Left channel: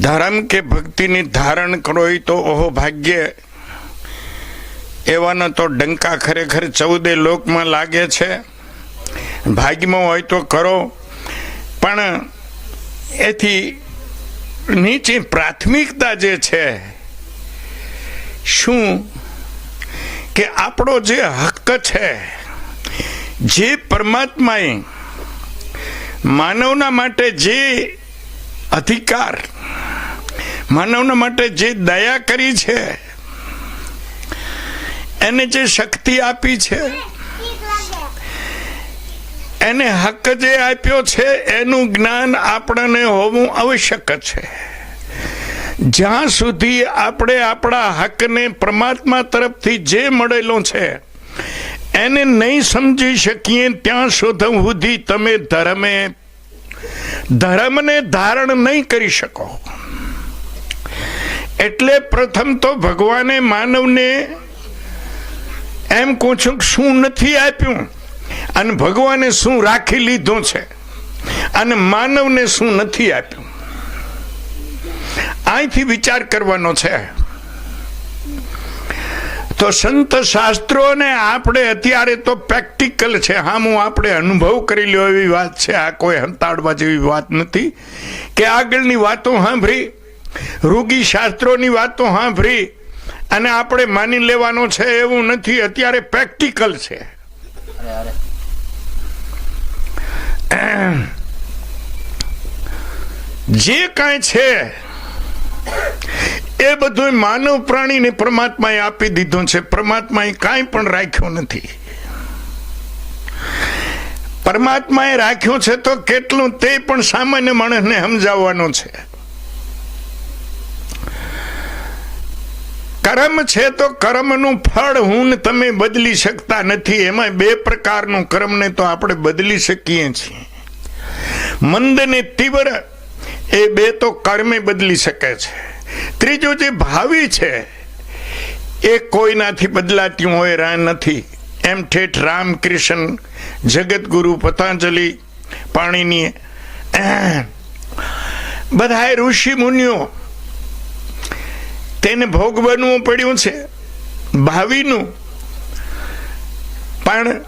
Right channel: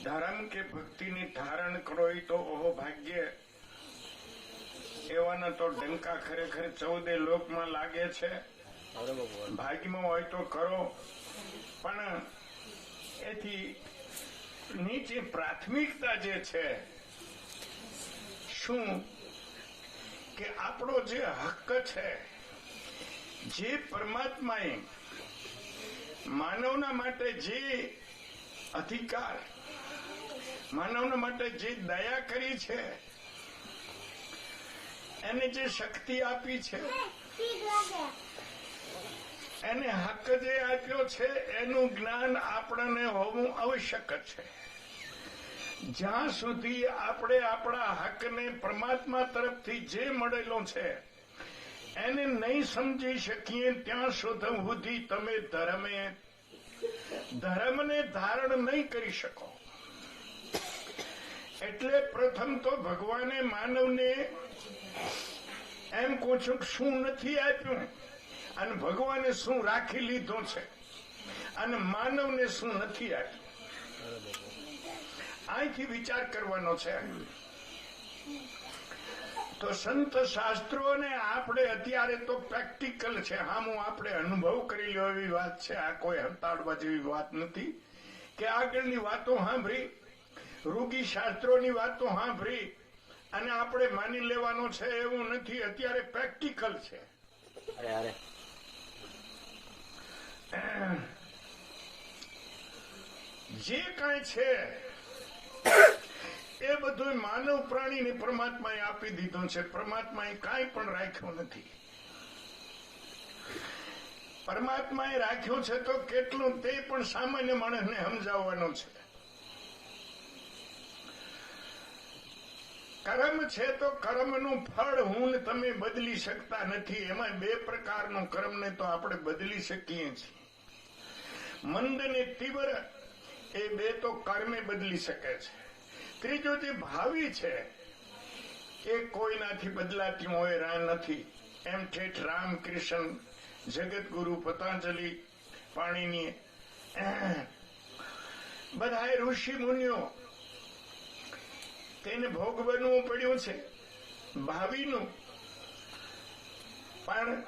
ધર્મ કે ભક્તિની ધારણ કરો એ તો ઓહો ભાગ્ય. એવાનો તો ડંકા ખરેખર ચૌદે લોકમાં લાગે છે. ભાગ્યમાં હોય તો કરો. પણ એથી નીચે પ્રાથમિકતા જે છે, શું કે આપણો જે હક છે, જે પરમાત્માએ માનવના માટે જે અધિકાર માનવના માટે જે દયા કરી છે, એને જે શક્તિ આપી છે, એને હક જે આપ્યો છે, એનું જ્ઞાન આપણને હોવું આવશ્યક છે. જ્યાં સુધી આપણે આપણા હકને પરમાત્મા તરફથી જે મળેલો છે, એને નહીં સમજી શકીએ, ત્યાં સુધી તમે ધર્મે, ધર્મને ધારણ નહીં કરી શકો. એટલે પ્રથમ તો ભગવાને માનવને એમ કહું છું શું નથી આપ્યું? અને ભગવાને શું રાખી લીધું છે? અને માનવને શું નથી આપ્યું? અહીંથી વિચાર કરવાનો છે. તો સંત શાસ્ત્રોને આપણે અત્યારે તો પ્રેક્ટિકલ છે. હામું આપણે અનુભવ કરી લ્યો એવી વાત છે. આ કોઈ હંતાડવા જેવી વાત નથી. કે આગળની વાતો સાંભળી. રૂગી શાસ્ત્રોની વાત તો સાંભળી અને આપણે માની લેવાનો છે એવું નથી, અત્યારે પ્રેક્ટિકલ છે. જે કાંઈ છે, એ બધું માનવ પ્રાણીને પરમાત્માએ આપી દીધું છે. પરમાત્માએ કાંઈ પણ રાખ્યું નથી. પરમાત્માએ રાખ્યું છે તો કેટલું તે પણ સામાન્ય માણસને સમજાવવાનું છે. કર્મ છે તો કર્મનું ફળ હું તમે બદલી શકતા નથી. એમાં બે પ્રકારનું કર્મને તો આપણે બદલી શકીએ છીએ. મંદ ને તીવ્ર, એ બે તો કર્મે બદલી શકે છે. ત્રીજું જે ભાવિ છે, એ કોઈનાથી બદલાતી હોય રા નથી. એમ ઠેઠ રામકૃષ્ણ જગતગુરુ પતંજલિ પાણીની બધાએ ઋષિ મુનિઓ તેને ભોગ બનવું પડ્યું છે, ભાવિનું. પણ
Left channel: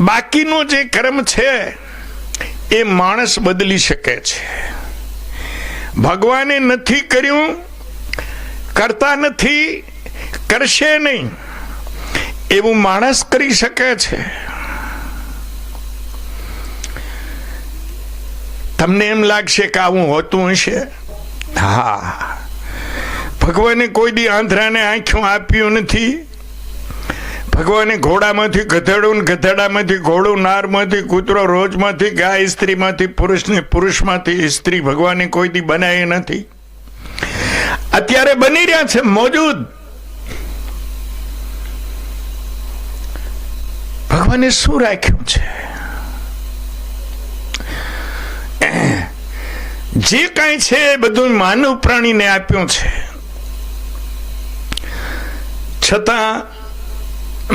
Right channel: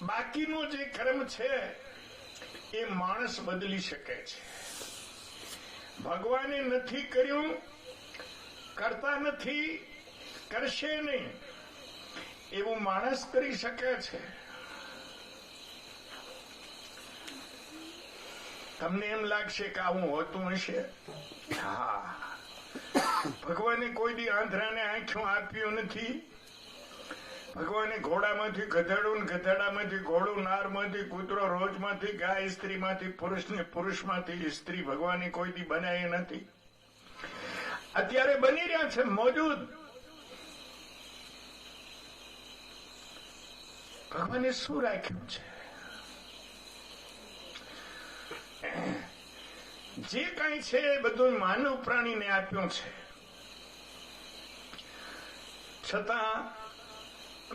બાકીનો જે કર્મ છે, એ માણસ બદલી શકે છે. ભગવાને નથી કર્યું, કરતા નથી, કરશે નહીં. એવું માણસ કરી શકે છે. તમને એમ લાગશે કે આવું હોતું હશે? હા. ભગવાને કોઈ દી આંધ્રાને આંખ્યું આપ્યું નથી. ભગવાને ઘોડામાંથી ગધેડું ગધેડામાંથી ઘોડું, નારમાંથી કૂતરો, રોજમાંથી ગાય, સ્ત્રીમાંથી પુરુષને પુરુષમાંથી સ્ત્રી ભગવાને કોઈ દી બનાવી નથી. અત્યારે બની રહ્યા છે મોજૂદ. ભગવાને શું રાખ્યું છે? જે કાંઈ છે એ બધું માનવ પ્રાણીને આપ્યું છે. છતાં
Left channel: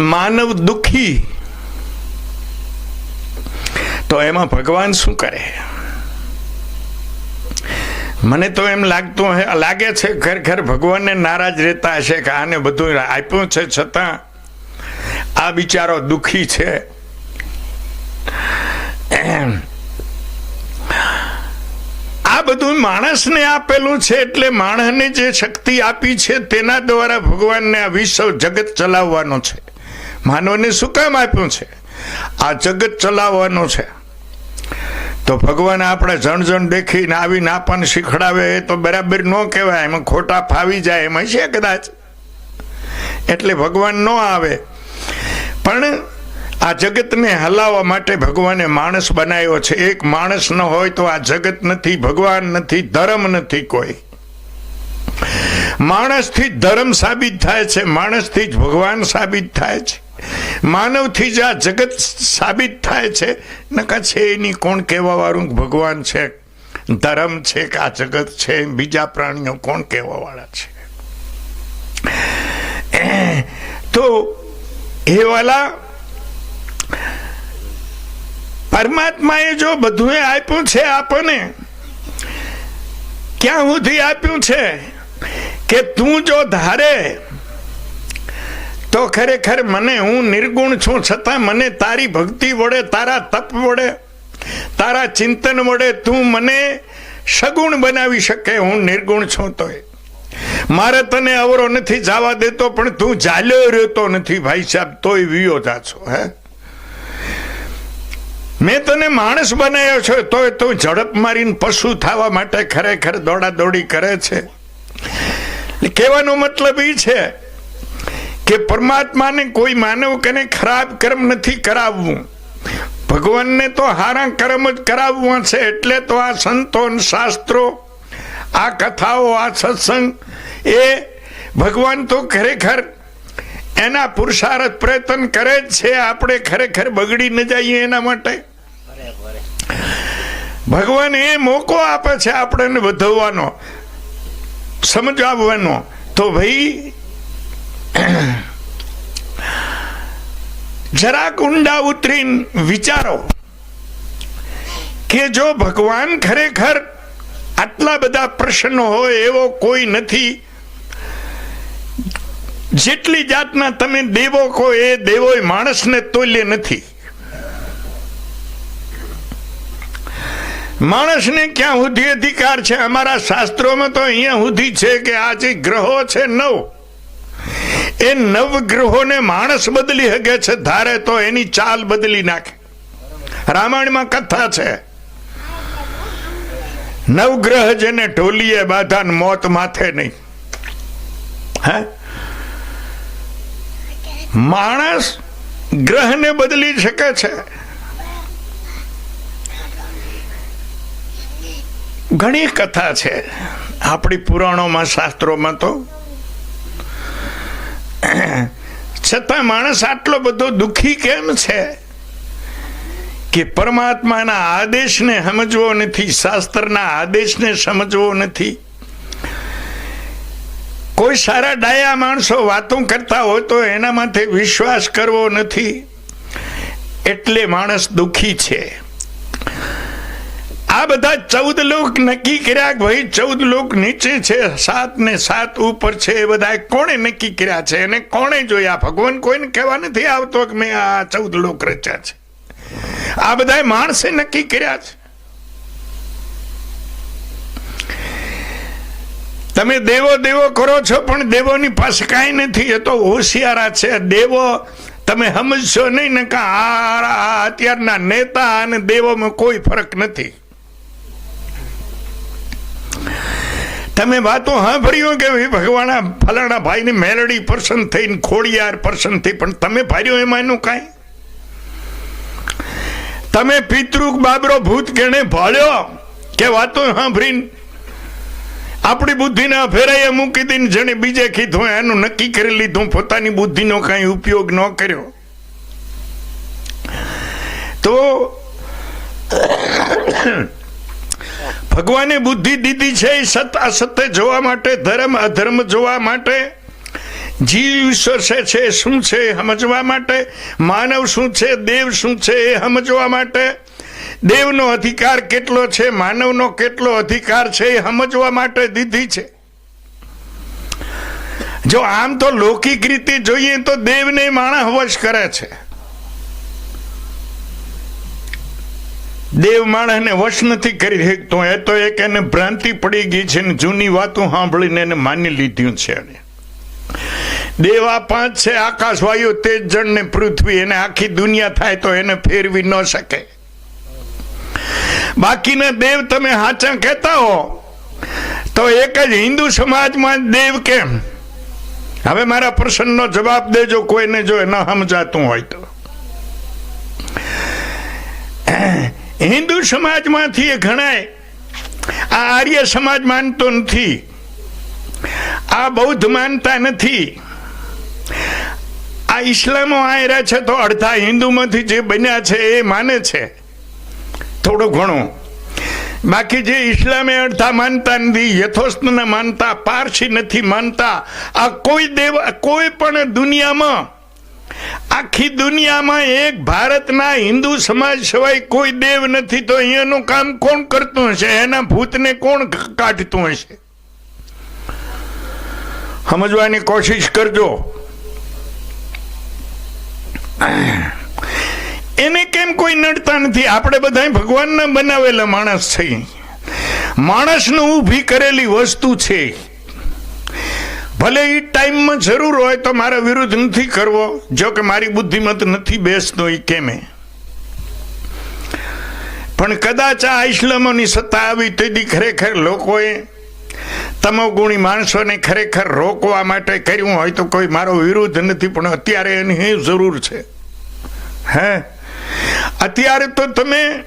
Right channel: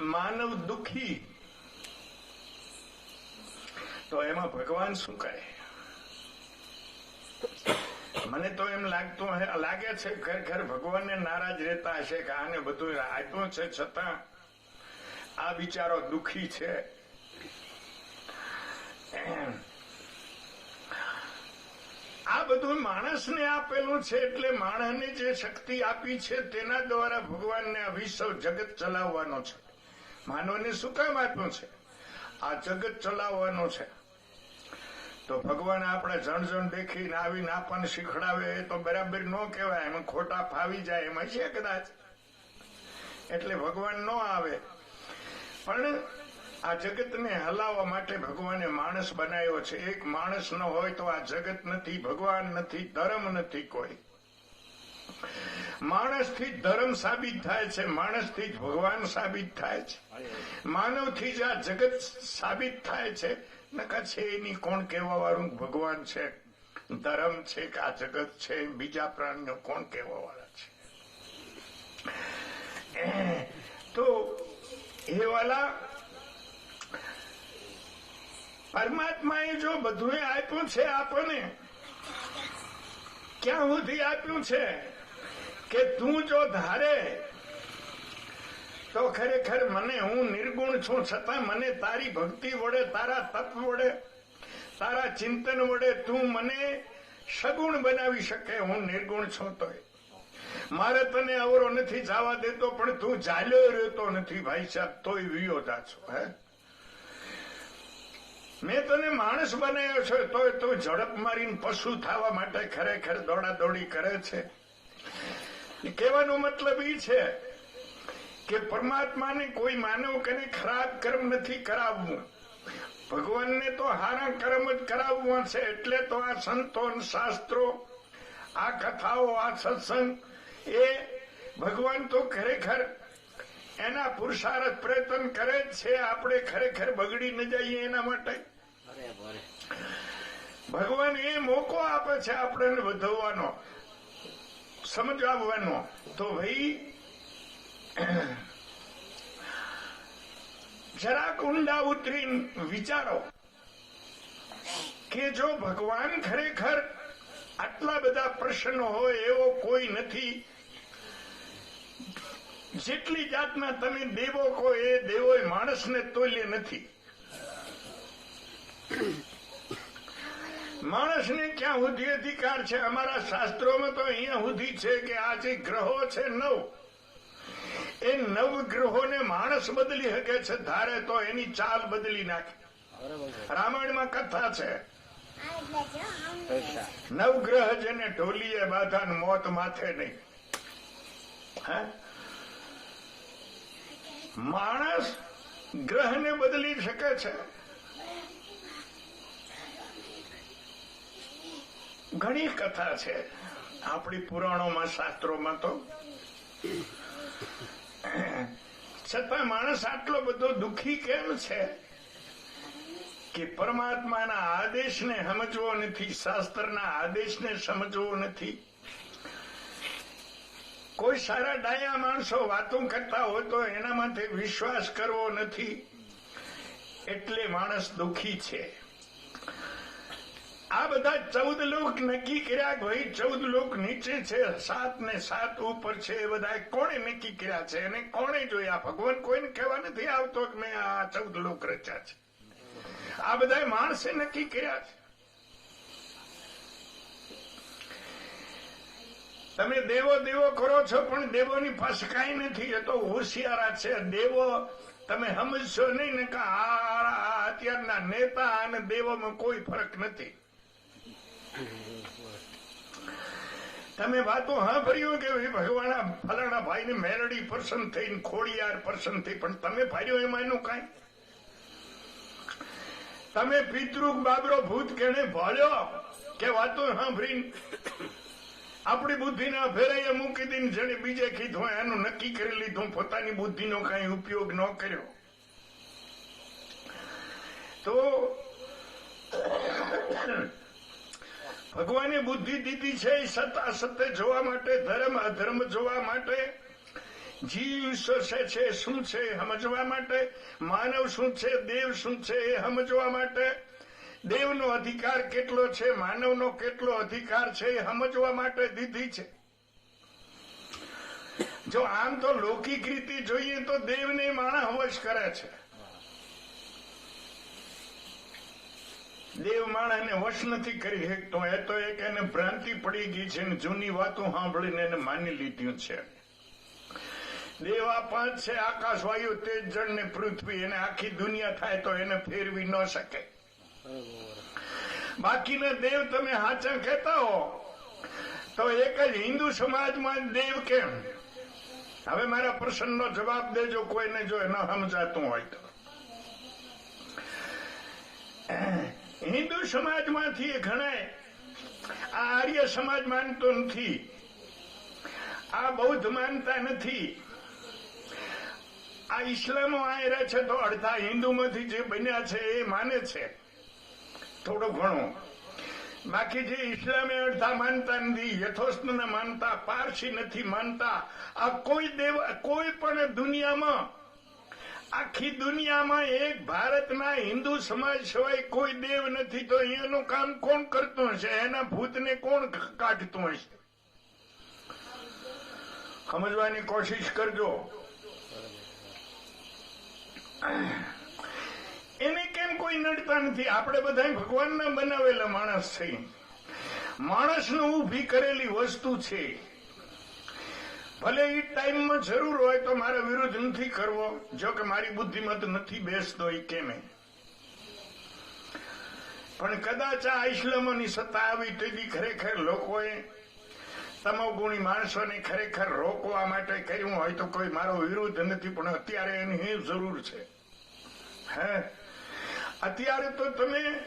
માનવ દુખી. તો એમાં ભગવાન શું કરે? મને તો એમ લાગતું લાગે છે ઘર ઘર ભગવાનને નારાજ રહેતા હશે કે આને બધું આપ્યું છે છતાં આ બિચારો દુખી છે. એમ. બધું માણસને આપેલું છે એટલે માણસને જે શક્તિ આપી છે તેના દ્વારા ભગવાનને આ વિશ્વ જગત ચલાવવાનો છે. માનવને શું કામ આપ્યું છે? આ જગત ચલાવવાનો છે. તો ભગવાન આપણે જણ જણ દેખીને આવીને આપણને શીખડાવે એ તો બરાબર ન કહેવાય, એમાં ખોટા ફાવી જાય એમાં છે કદાચ. એટલે ભગવાન ન આવે. પણ આ જગતને હલાવવા માટે ભગવાને માણસ બનાવ્યો છે. એક માણસ ન હોય તો આ જગત નથી, ભગવાન નથી, ધર્મ નથી કોઈ. માણસથી ધર્મ સાબિત થાય છે, માણસથી જ ભગવાન સાબિત થાય છે. માનવથી જ આ જગત સાબિત થાય છે. નકા છે એની કોણ કહેવા વાળું ભગવાન છે, ધર્મ છે કે આ જગત છે? બીજા પ્રાણીઓ કોણ કહેવા વાળા છે? તો એ વાલા પરમાત્માએ જો બધું આપ્યું છે આપણને, ક્યાં સુધી આપ્યું છે કે તું જો ધારે, તો ખરેખર મને હું નિર્ગુણ છું, છતાં મને તારી ભક્તિ વડે, તારા તપ વડે, તારા ચિંતન વડે તું મને સગુણ બનાવી શકે, હું નિર્ગુણ છું તોય. મારે તને અવરો નથી જવા દેતો, પણ તું ઝાલ્યો રહેતો નથી, ભાઈ સાહેબ, તોય વિયો જા છો, હે? મેં તને માણસ બનાવ્યો છે, તોય તું ઝડપ મારીને પશુ થવા માટે ખરેખર દોડા દોડી કરે છે. કહેવાનો મતલબ એ છે કે પરમાત્માને કોઈ માનવ કને ખરાબ કર્મ નથી કરાવવું. ભગવાનને તો હારા કર્મ જ કરાવવા છે, એટલે તો આ સંતો શાસ્ત્રો, આ કથાઓ, આ સત્સંગ, એ ભગવાન તો ખરેખર એના પુરુષાર્થ પ્રયત્ન કરે જ છે, આપણે ખરેખર બગડી ન જઈએ એના માટે. ભગવાન એ મોકો આપે છે આપણને વધવાનો સમજાવવાનો. તો ભાઈ, જરાક ઊંડા ઉતરીને વિચારો કે જો ભગવાન ખરેખર આટલા બધા પ્રશ્નો હોય એવો કોઈ નથી. જેટલી જાતના તમે દેવો કહો એ દેવો માણસને તોલ્ય નથી. માણસને ક્યાં સુધી અધિકાર છે? અમારા શાસ્ત્રોમાં તો અહીંયા સુધી છે કે આ જે ગ્રહો છે નવ, એ નવ ગ્રહોને માણસ બદલી શકે છે, ધારે તો એની ચાલ બદલી નાખે. રામાયણમાં કથા છે. નવગ્રહ જેને ઢોલીએ બાધા મોત માથે નહીં. હે? માણસ ગ્રહને બદલી શકે છે. ઘણી કથા છે. આપણી પુરાણોમાં, શાસ્ત્રોમાં તો. છતાં માણસ આટલો બધો દુખી કેમ છે? કે પરમાત્માના આદેશને સમજવો નથી, શાસ્ત્રના આદેશને સમજવો નથી. કોઈ સારા ડાયા માણસો વાતો કરતા હોય તો એના માથે વિશ્વાસ કરવો નથી. એટલે માણસ દુખી છે. આ બધા ચૌદ લોક નક્કી કર્યા ભાઈ ચૌદ લોક નીચે છે, સાત ને સાત ઉપર છે, એ બધા કોણે નક્કી કર્યા છે અને કોણે જોયા? ભગવાન કોઈને કહેવા નથી આવતો કે મેં આ ચૌદ લોક રચ્યા છે. આ બધા માણસે નક્કી કર્યા છે. તમે દેવો દેવો કરો છો, પણ દેવોની પાસે કાંઈ નથી. એ તો હોશિયારા છે. દેવો, તમે સમજશો નહીં ને આ અત્યારના નેતા અને દેવોમાં કોઈ ફરક નથી. તમે વાતો સાંભળ્યો કે ભગવાન ફલાણા ભાઈની મેલડી પર્સન થઈને ખોડિયાર પર્સન થઈ, પણ તમે ભાર્યો એમાં એનું કાંઈ? તમે પિતૃક બાબરો ભૂત કેણે ભાળ્યો કે વાતો સાંભળીને આપણી બુદ્ધિને ફેરાઈએ મૂકી દઈને જેને બીજે કીધું એનું નક્કી કરી લીધું, પોતાની બુદ્ધિનો કાંઈ ઉપયોગ ન કર્યો. તો ભગવાને બુદ્ધિ દીધી છે સત અસત્ય જોવા માટે, ધર્મ અધર્મ જોવા માટે. જીવ ઈશ્વર છે શું છે સમજવા માટે. માનવ શું છે, દેવ શું છે, એ સમજવા માટે. દેવનો અધિકાર કેટલો છે, માનવનો કેટલો અધિકાર છે, એ સમજવા માટે દીધી છે. જો આમ તો લૌકિક રીતે જોઈએ તો દેવને માણસ વશ કરે છે. દેવ માણસને વશ નથી કરી શકતો. એ તો એક એને ભ્રાંતિ પડી ગઈ છે ને જૂની વાતો સાંભળીને એને માની લીધું છે એને. દેવા પાંચ છે આકાશ વાયુ તેજ જળ ને પૃથ્વી, એને આખી દુનિયા થાય તો એને ફેરવી ન શકે. બાકીના દેવ તમે હાચા કહેતા હો, તો એક જ હિન્દુ સમાજમાં દેવ કેમ? હવે મારા પ્રશ્નનો જવાબ દેજો, કોઈને જો ન સમજાતું હોય તો. હિન્દુ સમાજમાંથી એ ઘણા આ આર્ય સમાજ માનતો નથી. આ બૌદ્ધ માનતા નથી. આ ઇસ્લામો આયરા છે તો અડધા હિન્દુમાંથી જે બન્યા છે એ માને છે. થોડું ઘણું. બાકી જે ઇસ્લામે અડધા માનતા નથી, યથોસ્તને માનતા, પારસી નથી માનતા, આ કોઈ દેવ, કોઈ પણ દુનિયામાં આખી દુનિયામાં એક ભારતના હિન્દુ સમાજ સિવાય કોઈ દેવ નથી, તો અહીંયાનું કામ કોણ કરતું હશે? એના ભૂતને કોણ કાઢતું હશે? સમજવાની કોશિશ કરજો. એને કેમ કોઈ નડતા નથી? આપણે બધા ભગવાનના બનાવેલા માણસ છીએ. માણસનું ઊભી કરેલી વસ્તુ છે. ભલે એ ટાઈમમાં જરૂર હોય તો મારા વિરુદ્ધ નથી કરવો. જો કે મારી બુદ્ધિમત નથી બેસતો એ કેમે. પણ કદાચ આ ઇસ્લામોની સત્તા આવી તેથી ખરેખર લોકોએ તમોગુણી માણસોને ખરેખર રોકવા માટે કર્યું હોય તો કોઈ મારો વિરુદ્ધ નથી, પણ અત્યારે એની જરૂર છે. હે? અત્યારે તો તમે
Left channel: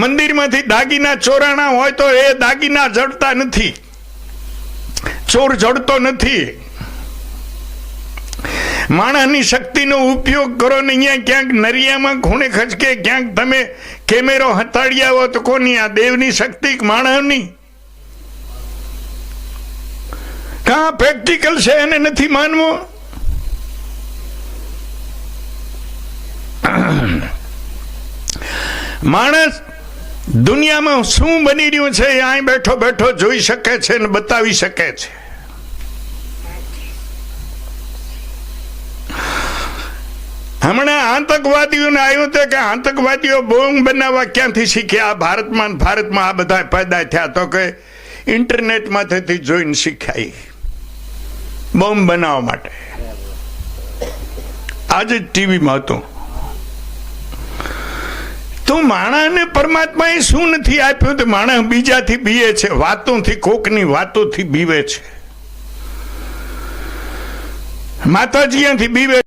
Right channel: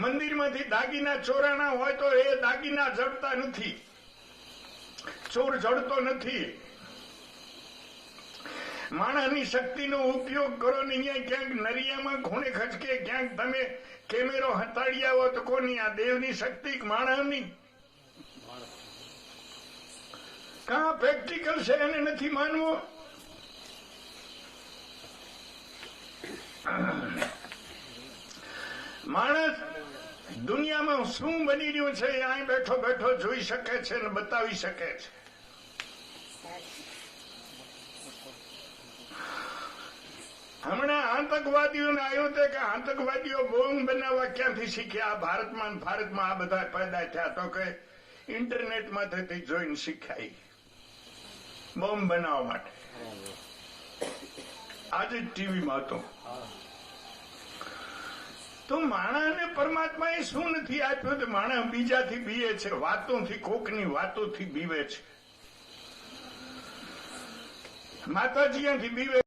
મંદિરમાંથી દાગીના ચોરાણા હોય તો એ દાગીના જડતા નથી. ચોર જડતો નથી. માણસની શક્તિનો ઉપયોગ કરો ને અહીંયા ક્યાંક નરિયામાં ખૂણે ખચકે, ક્યાંક તમે કેમેરો હતાડી આવો તો કોની આ દેવની શક્તિ માણસની? કા પ્રેક્ટિકલ છે એને નથી માનવો? માણસ દુનિયામાં શું બની રહ્યું છે અહીં બેઠો બેઠો જોઈ શકે છે અને બતાવી શકે છે. હમણાં આતંકવાદીઓને આવ્યું હતું કે આતંકવાદીઓ બોમ્બ બનાવવા ક્યાંથી શીખ્યા? ભારતમાં ભારતમાં આ બધા પેદા થયા તો કે ઇન્ટરનેટમાંથી જોઈને શીખ્યા બોમ્બ બનાવવા માટે. આજે ટીવીમાં હતું. તો માણસને પરમાત્માએ શું નથી આપ્યું? તો માણસ બીજાથી બીવે છે, વાતોથી, કોકની વાતોથી બીવે છે. માતાજી અહીંયાથી બીવે